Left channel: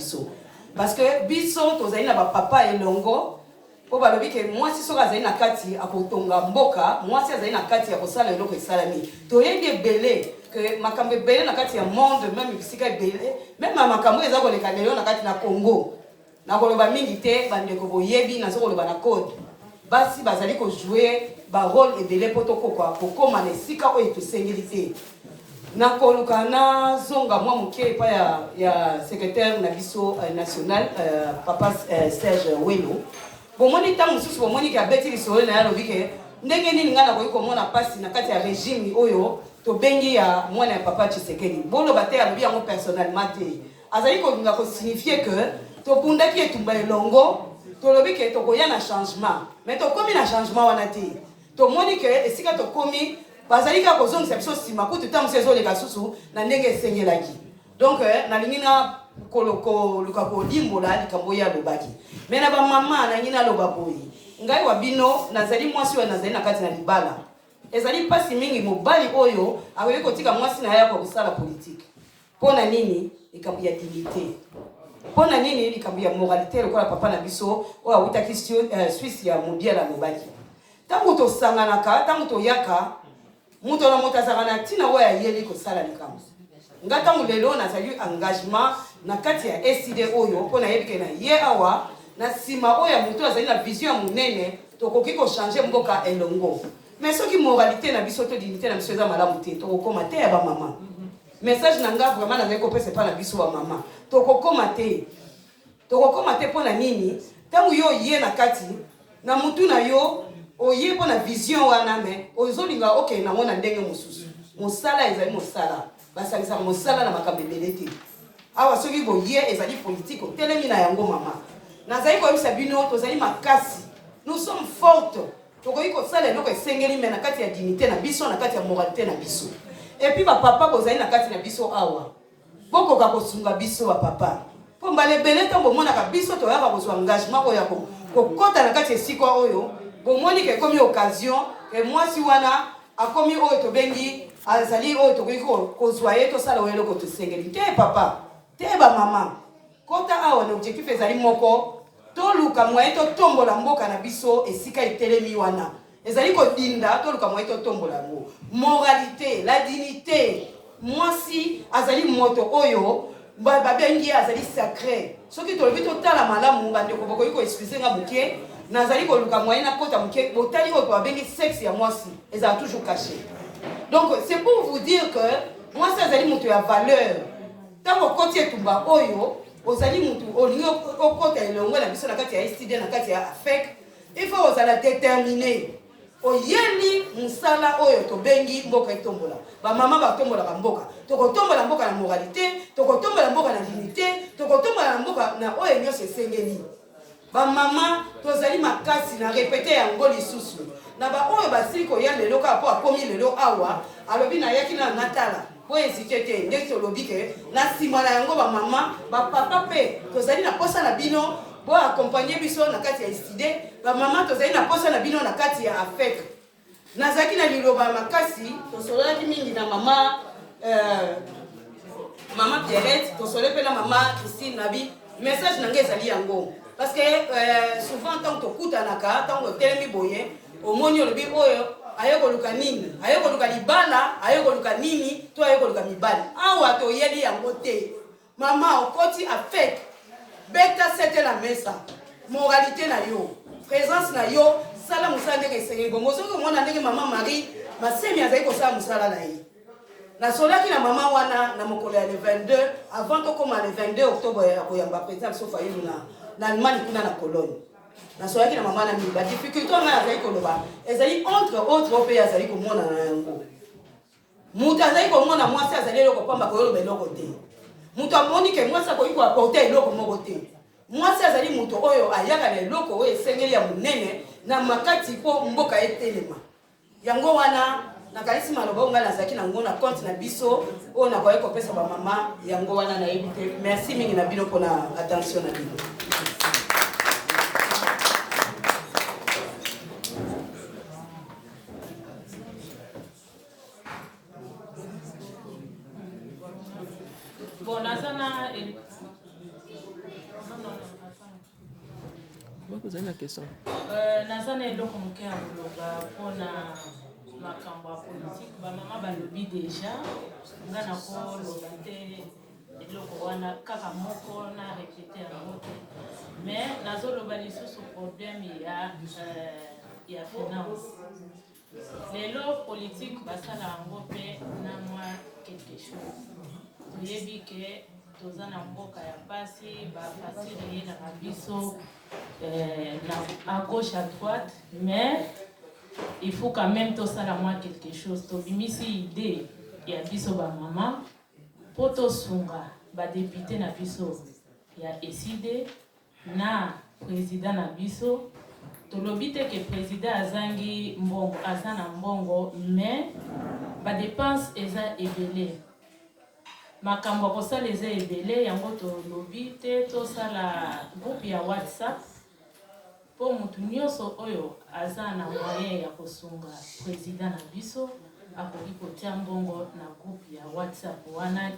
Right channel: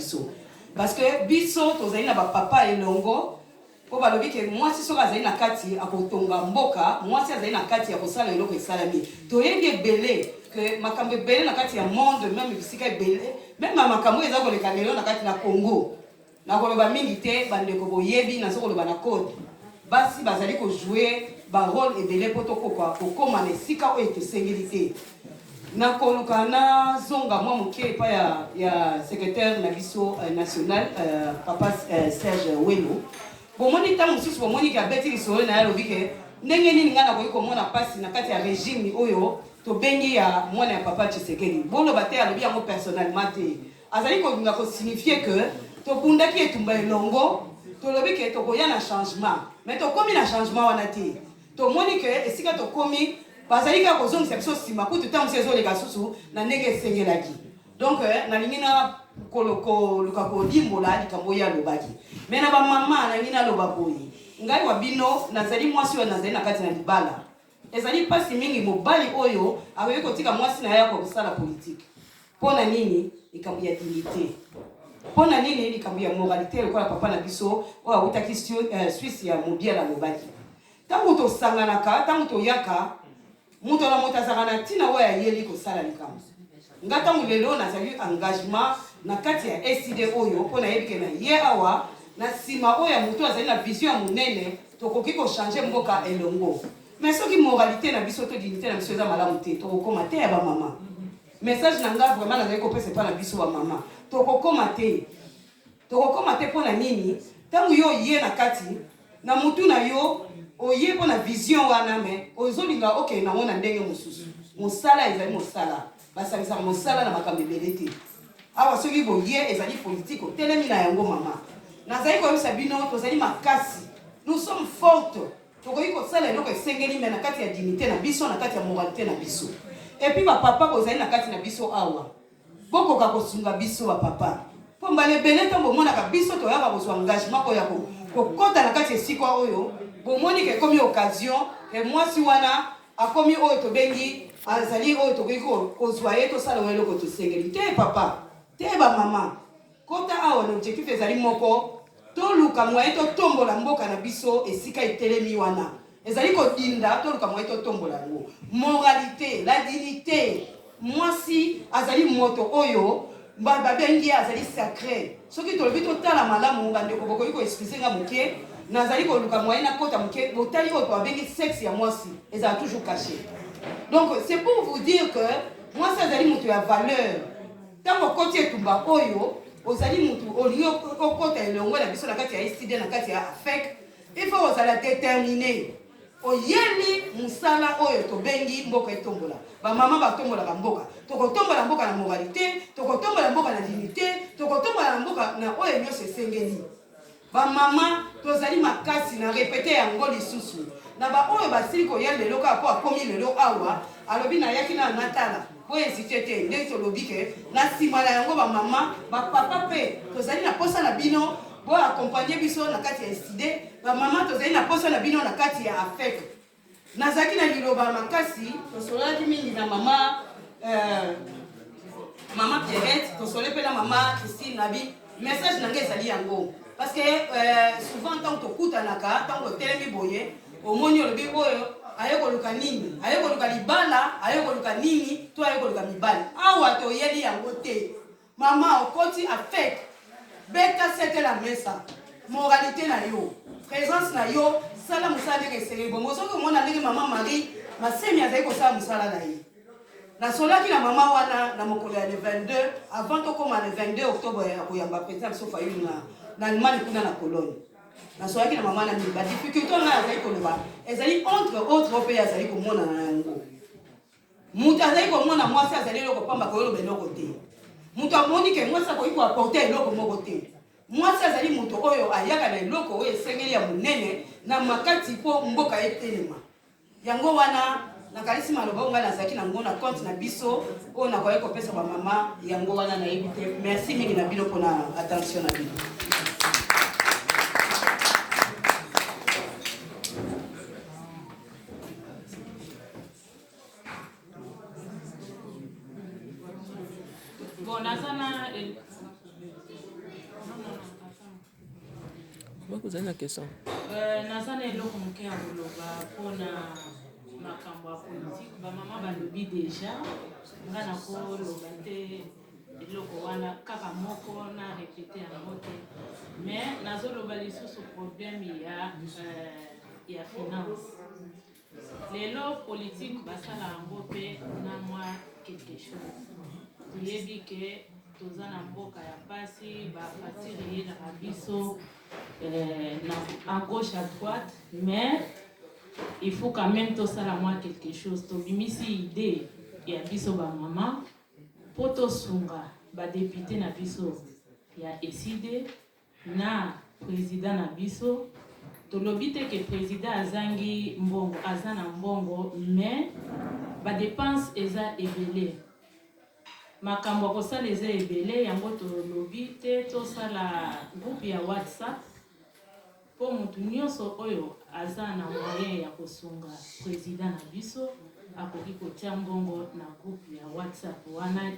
biso. Parce que biso tozali na papa elongo po balobi ke mwasi soka azali na kati akotonga mboka, mwasi azali na kati akosala eloko esalami. Toyebi ebele que makambo ebele na kati ya monde, même bisika ebele, même makambo eza koleka lelo na kati na Congo. Na koloba mingi te bandeko boyebi na zo koloba na code. Basi bazali ko jouer ba rôle ebele poto kokoma na esika oyo tosengeli te. Na koluka na zonga mwa moke pa ya secrétaire na biso national papa Serge Welo. Bomoni ta mususu bomoni ka beti lisolo na yalo bike ndenge nini ngana ko komona pasi na kati ya régime oyo to bengi ya mwana ya papa Tshisekedi. Bolo bate ya lobi yango personnellement te. Azali ko nga ko signifier que to bundaki etumba elongo to lobi ke to koya na changement. Mais to komi na changement wana te. To moni ke esika to komi bazali ka kozongisa biso sima kutu tamu sezo leka susu na ndenge esengelaki. Donc nalingi na koloko luka kolimbola likambo ya lobaki. Mais na ba mama na ngina loba boyi. Ngai wa bino nazali mwasi wa nazali na kati na libala. Ezali pasi mingi mobali oyo akoki kotika mwasi na yako kusala politique. Pona nini likambo ya dignité. Pona nini likambo ya moralité lokola papa na biso oyo awutaki Suisse ya mobiela lobaki. Tango to sanganaka, tango to yaka muto na motazaka na tina oyo ayeli kosala likambo. Ngata mulelo nazali engagement na kati ya SID oyo pona yebike na ye awa na sima oyo muto azali na vision munene tokoki ko changer mboka elongo. Mais soki moralité na biso to dignité na biso eza malamu te tokokoma te ya ba mama. Message na nga vraiment nazali kopesa pa na biso ba mama. Tokokoma te pona nini tangu yo ye na kati na mutu na yo oye pona vision wana me ozolinga okay na mona ndenge mususu. Mosala ezali mosala. Basalisa mosala na makambo ebele te. Awa soki boye ezali politique otelemi na yango mama. Nazali koyebisa bino tozali makasi. Nous sommes fortes. Tokoki kosala eloko esengeli me na kati ya dignité na biso na kati ya moralité na biso. Et puis papa bozali na kati na biso awa. Bokoka kosunga biso ba papa. Po mbale bele to bomona ka biso to yaka kozwa engagement ko yako. Kokota na kati esika oyo bomoni ke komi occasion et mwasi wana akomi oyo to bengi azali oyo to kozwa ye to sala eloko to sengeli te papa. Te ba mama. Kota awa na objectif ezali moko to luka mwaye to tombola mboka na biso esika itelemi wana. Ezali ko dinda to luka mwaye to tombola ngo. Moralité, la dignité. Mwasi azali moto oyo babengi azali sacré. Soki to lobi to tala malamu bandeko bokoyi ko expliquer nga muke nazali ko luka mwaye na kota muke botali oyo babengi sexe ya mwasi ezali toujours caché. Donc c'est pour vous dire que mwasi azali moto ya valeur. Tango koti etumba oyo ozali mutu olingi okota elongo na biso na kati ya STD na kati ya AFEC, il faut ozala déterminé oyeli musala oyo to bengi mboka etombola ba mama ba tombola ka mboka tokotombola mboka na moralité tokotombola mboka na dignité tokotombola mboka na oyo nyose sengeni ba mama tozali makasi na répéter yango lisusu na ba oyo basili ko yele lelo ka po akomi lelo awa alobi na yaki na natala po hésiter te ndenge tolobi ke na sima na yango ba mama ba papa pe tozali na posa na bino bo accompagner biso na kati ya STD ba mama tozali na posa na bino na kati ya AFEC nazaki na liloba makasi tosolaki mingi na mama mama Pierrette tosole pe na mama Christine Nabi message na ngai ezali yango parce que souvent tant to kutanaka tant to telemi boye omoni olobi oyo ayeko luka nini ayeko luka libala ayeko luka nini to ayeko luka mibali awa to yeli yango te mama okoti AFEC beta c'était la mesa moralité na yo présence na yo sala musala ndenge esengeli bongo soki omona ndenge mama Marie masemi azali kosala musala na ye nasolaki na mama wana na mokolo ya le 22 avant tokoma le 22 octobre ya koyamba président biso fayulu na Allemagne kuna na Cologne nasolaki na mama na mingi ba difficulté wana azali koloba ezali entre autres oyo mpe azali komona na yango mutu azali komona mwasi azali eloko pamba koyoloba eloko te mutu amoni ke mwasi akoki koaporte eloko moko te mwasi azali mutu oyo ayaka na eloko oyo esengeli ya monene na makati mpo mboka etelema yango wana nakalisi maloba oyo ngai nazalaki nango na compte na biso oyo nakoki kopesa bamama yango wana nayebi te merci mingi na bino mpona attention na bino. vous avez la question. Nazana eloko moke ya koloba mpona makambo ya politique bamama balobi déjà nga na koloba te eloko wana kaka moko na répété yango te mais nazoloba lisusu problème ya finance lelo politique basala yango mpe na mwa quelque chose toyebi ke toza na mboka ya mpasi bafasire ye na biso à gauche à droite mais il faut quand même tosala mwa quelque chose tobimisi idée ya biso bamama mpo tosunga badepute na biso ya eside na président na biso tolobi te ke président azangi mbongo aza na mbongo mais badepense eza ebele makambo ya kosala eza ebele yango tolobi te tosala groupe ya WhatsApp mpo mutu nyonso oyo aza na moyen ya kosunga président na biso akoki kotia mbongo na groupe ya WhatsApp wana